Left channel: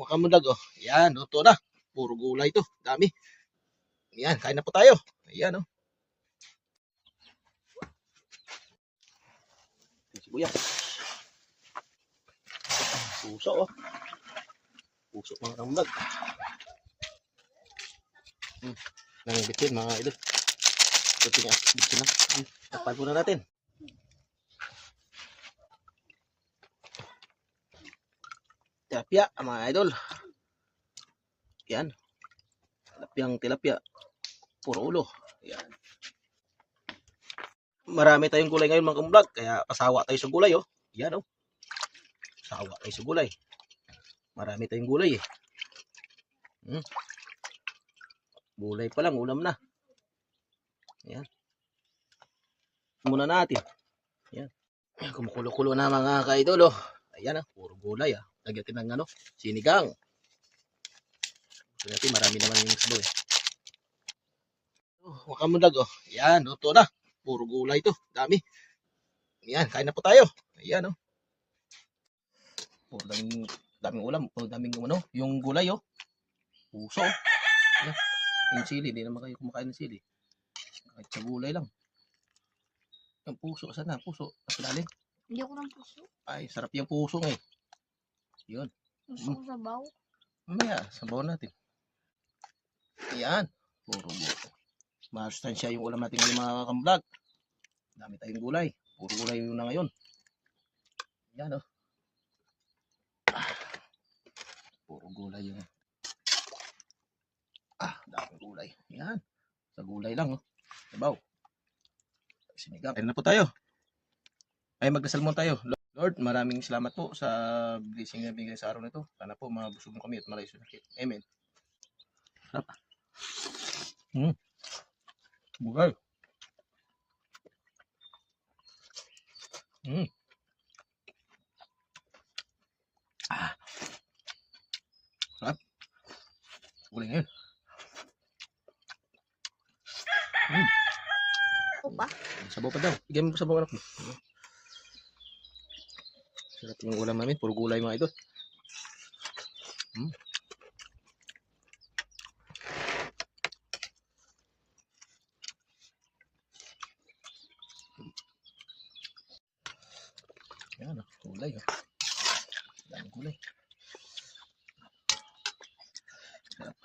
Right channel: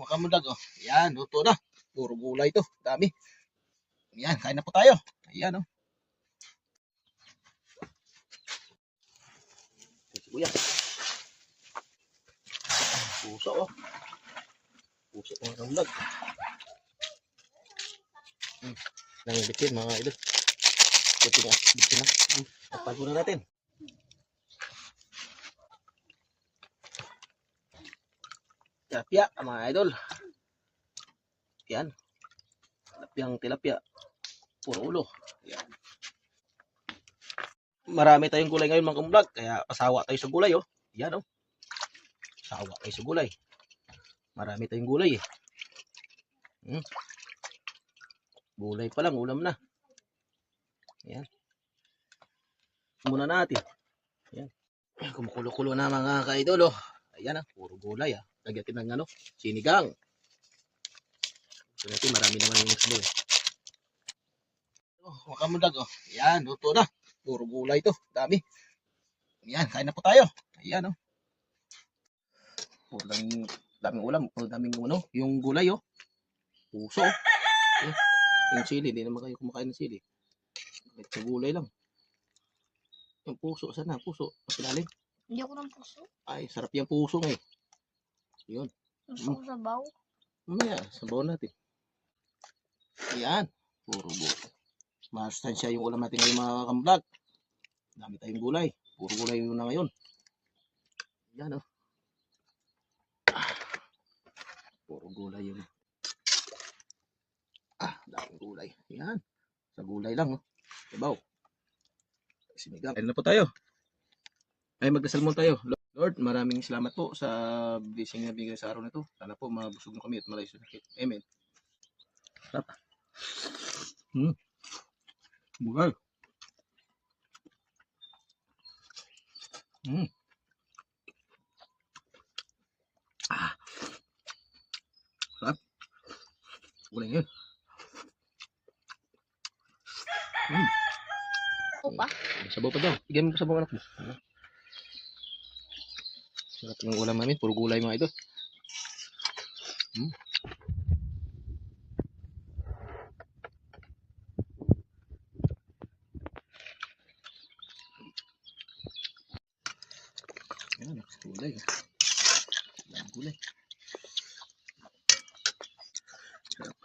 Mga kamundag, oh. Yan, luto na. Puro gulay to. Dami. Yan, kain na po tayo. Ayan, oh. Sibuyas. Puso, oh. Puso, mga kamundag. Nangibitin, mga idol. Bitin na. Bitin na. Tapago na natin. Tilapia, mga idol. Yan. Tilapia. Puro ulo. Yan. Marami tayong gulay ngayon, mga kamundag. Kaya pasawa tayo sa gulay, oh. Yan, oh. Pasawa tayo sa gulay. Marami tayong gulay, eh. Gulay pa lang, ulam na. Yan. Muna natin. Yan. Kumukulo-kulo na, mga ka-idol, oh. Ayan, ah. Puro gulay, ah. Lagyan ng ano, sinigang. So, natin, marami naman yung islo, eh. Oh, mga kamundag, oh. Yan, luto na. Puro gulay to. Dami. Yan, kain na po tayo. Ayan, oh. Oh, daming ulam. Oh, daming ano, yung gulay, oh. Puso, oh. Yan. Yung sili, hindi naman kayo kumakain ng sili. Kahit sa gulay lang. Yung puso, sana, puso. Asilalim. Hindi ko ng puso. Ay, sarap yung puso, eh. Yun. Gusto ko sabaw. Mamaya, sabaw natin. Yan. Puro gulay. Masustansya yung ulam natin ngayon, mga kamundag. Dami tayong gulay. Puro gulay yun na ngayon. Yan, oh. Puro gulay yun. Daming gulay. Yan. Sa gulay lang, oh. Sabaw. Sinigang. Kain na po tayo. Ay, magdasal muna tayo. Lord, maraming salamat po sa blessing na bigay sa araw na ito. Sana po mabusog mo kami at malayo sa sakit. Amen. Bugal. Sarap. Gulay ngayon. Opa. Sabaw pa daw. Bigyan mo sabaw, anak mo. Sarap ng ulam namin. Puro gulay, mga idol. Yan, gulay. Yan, gulay. Sarap.